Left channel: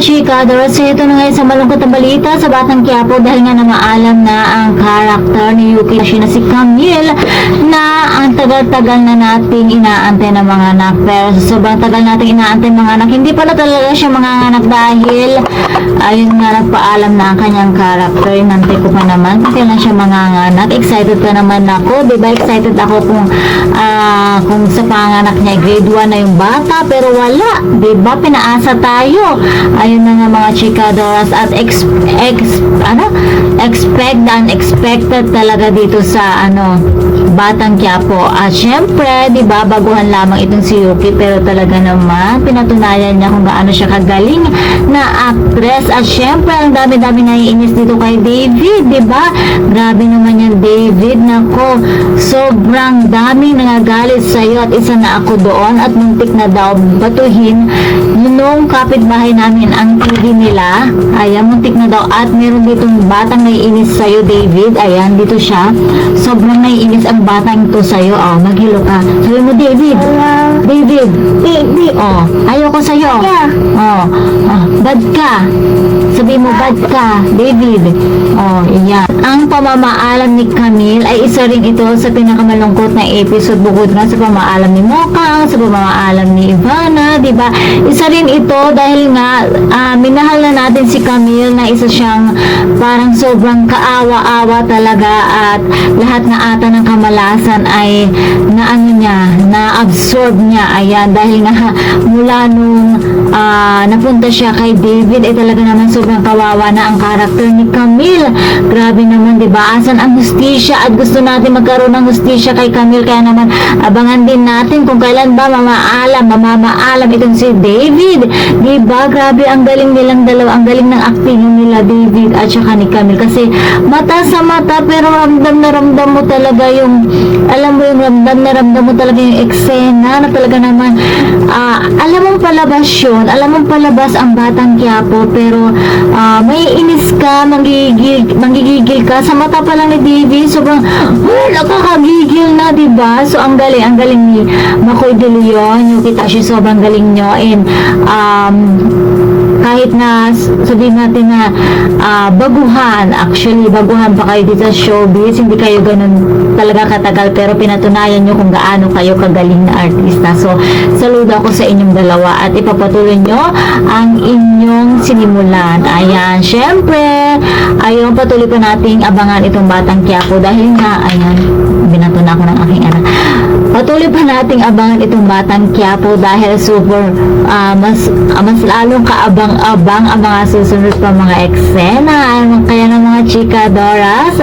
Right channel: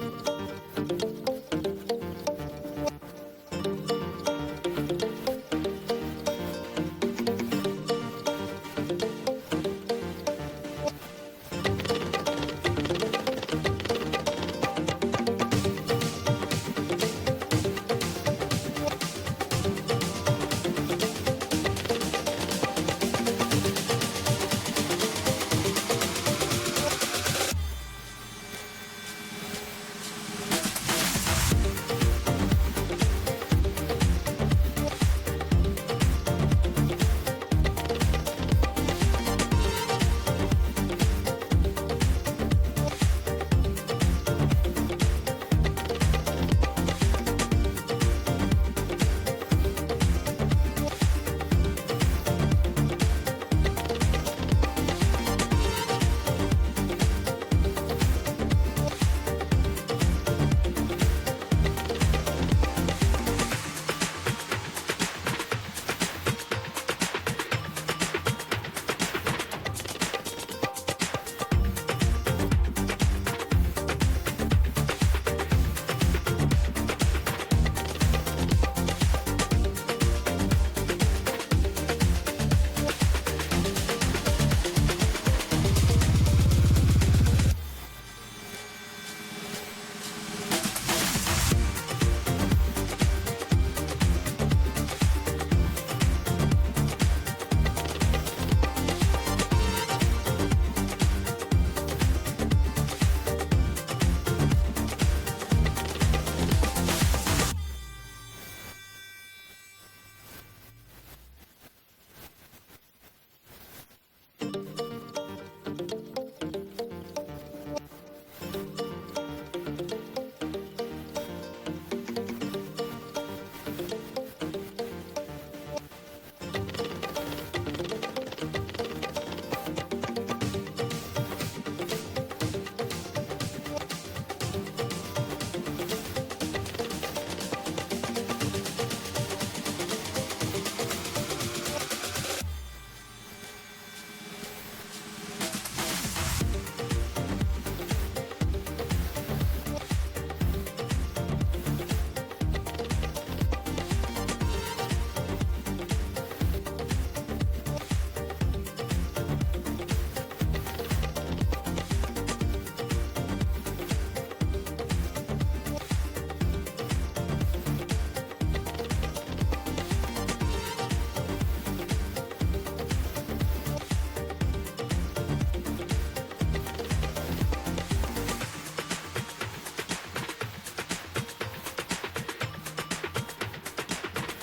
chika, so ito na ngayon sa malungkot na balita sa Batang Quiapo dahil nga na maalam na ang karakter ni Yuki na si Camille na ang tagal-tagal na nating inaantay ng mga anak. Pero sobrang tagal nating inaantay ng mga anak, hindi pala talaga siya mga anak dahil ayun nga nagpaalam na ang kanyang karakter. Inantay ko pa naman kailan siya mga anak. Excited pa naman ako, diba? Excited ako kung sa panganak niya grade 1 na yung bata, pero wala, diba? Pinaasa tayo. Ayun na nga mga chikadoras at expect the unexpected talaga dito sa Batang Quiapo. At syempre, diba, baguhan lamang itong si Yuki, pero talaga naman pinatunayan niya kung gaano siya kagaling na actress. At syempre, ang dami-dami naiinis dito kay David, diba? Grabe naman yan, David. Nako, sobrang daming nangagalit sa'yo at isa na ako doon at muntik na daw batuhin nung kapitbahay namin ang TV nila. Ayan, muntik na daw. At meron ditong batang naiinis sa'yo, David. Ayan, dito siya. Sobrang naiinis ang batang ito sa'yo. Oh, maghilo ka. Sabi mo, David. David. Oh, ayoko sa'yo. Oh, bad ka. Sabi mo, bad ka, David. Oh, iyan. Ang pamamaalam ni Camille ay isa rin ito sa pinakamalungkot na episode bukod nga sa pamamaalam ni Mokang, sa pamamaalam ni Ivana, diba? Isa rin ito dahil nga minahal na natin si Camille na isa siyang parang sobrang kaawa-awa talaga at lahat na ata ng kamalasan ay na-absorb niya. Ayan, dahil nga mula nung napunta siya kay David ay talaga naman sobrang kawawa na ang karakter ni Camille. Grabe naman, diba? Asan ang hustisya? At gusto natin magkaroon ng hustisya kay Camille, kaya naman abangan din natin kung kailan ba mamamaalam itong si David, diba? Grabe, ang galing nilang dalawa, ang galing ng acting nila, David at saka ni Camille, kasi mata sa mata pero ramdam na ramdam mo talaga yung ramdam mo talaga yung eksena na talaga naman alam mong palabas yun, alam mong palabas ang Batang Quiapo, pero may inis ka, manggigigil ka sa mata pa lang ni David. Sobrang nakakagigil na, diba? So ang galing ni Makoy De Leon, yung kita siya, sobrang galing nyo. And kahit na sabihin natin na baguhan pa kayo dito sa showbiz, hindi kayo ganun talaga katagal, pero pinatunayan nyo kung gaano kayo kagaling na artista. So saludo ako sa inyong dalawa at ipapatuloy nyo ang inyong sinimulan. Ayan, syempre ayun, patuloy pa nating abangan itong Batang Quiapo dahil nga, ayan, binato na ako ng aking anak. Patuloy pa nating abangan itong Batang Quiapo dahil super mas lalong kaabang-abang ang mga susunod pa mga eksena. Kaya ng mga chikadoras,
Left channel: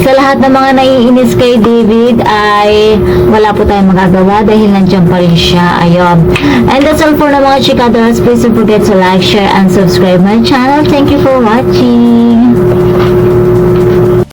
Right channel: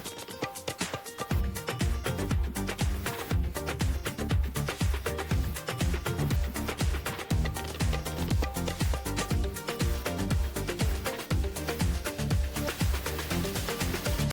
sa lahat ng mga naiinis kay David ay wala po tayong magagawa dahil nandiyan pa rin siya. Ayun. And that's all for the mga chikadoras. Please don't forget to like, share, and subscribe my channel. Thank you for watching.